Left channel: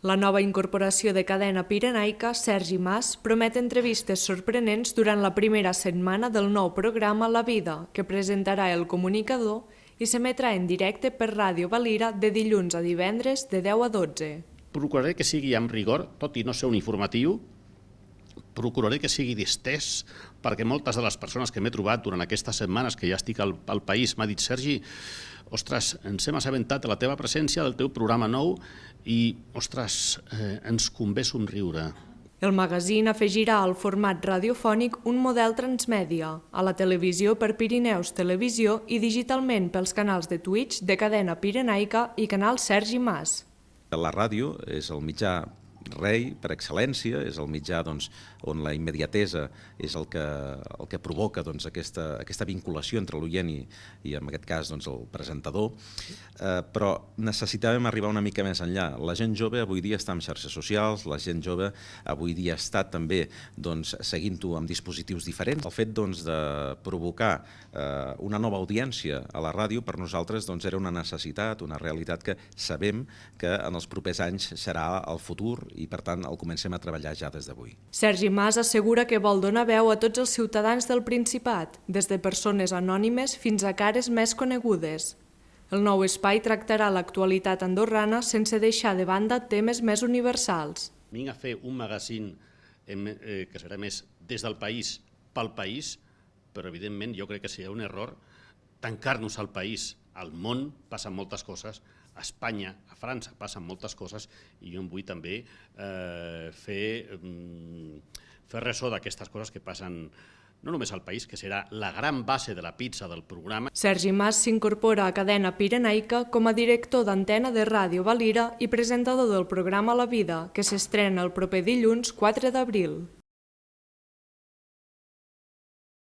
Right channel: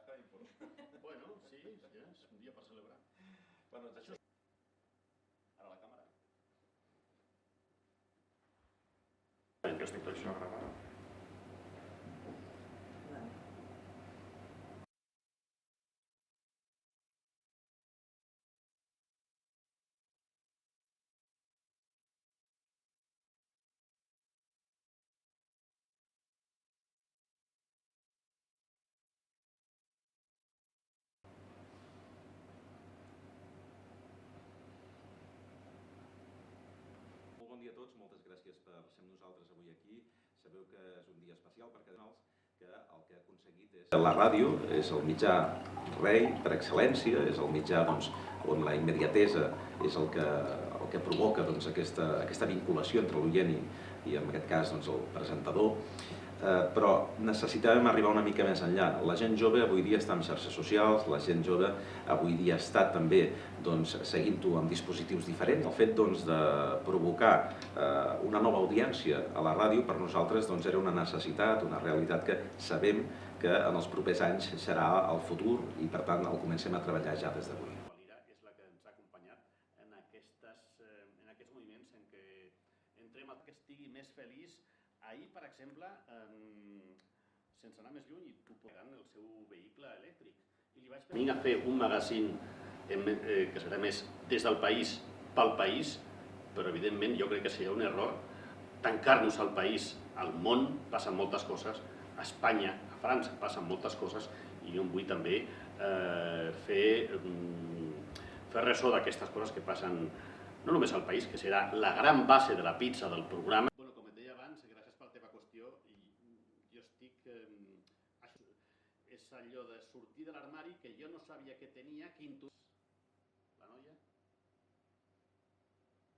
La nova incorporació de cadena pirenaica, Sergi Mas, promet entrevistes sorprenents durant la primera setmana del nou programa La Vida, que presentarà el comunicador i s'emetrà en directe per Ràdio Valira de dilluns a divendres de 10 a 12. Procuraré que sigui amb rigor, tot i no ser un informatiu, procuraré que sigui distès, perquè moltes de les persones que m'he trobat durant aquestes setmanes que ja estic al país m'ha dit: Sergi, ostres, ens hem assabentat de la teva presència, del teu programa nou i, ostres, ens convé somriure. El magazín afegirà al format radiofònic un model transmèdia, a la televisió per Pirineus Televisió i digitalment pels canals de Twitch de Cadena Pirenaica i canal Sergi Mas. La ràdio és el mitjà rei per excel·lència, és el mitjà on la immediatesa és el que provoca aquesta vinculació entre l'oient i en aquest cas el presentador, però necessitàvem arribar una mica més enllà. La gent jove avui dia està en xarxes socials, la gent jove avui dia està també seguint-ho amb dispositius diferents. El fet de provocar una nova audiència a la ràdio per nosaltres era una necessitat, una realitat que sabem que en els propers anys serà el futur i per tant el comencem a treballar ja des d'avui. Sergi Mas assegura que vol donar veu a tots els ciutadans del Principat, des de persones anònimes fins a cares més conegudes. El nou espai tractarà l'actualitat andorrana sense deixar de banda temes més universals. Vinc a fer un magazín que serà més des del país pel país, però evidentment jo crec que seria un error tancar-nos al país. Al món passen moltes coses, a Espanya, a França passen moltes coses i jo vull també fer ressò d'aquestes coses que passen no només al país, que serà la gran base de la pizza del programa. Sergi Mas s'incorpora a Cadena Pirenaica com a director d'antena de Ràdio Valira i presentador del programa La Vida, que s'estrena el proper dilluns 4 d'abril.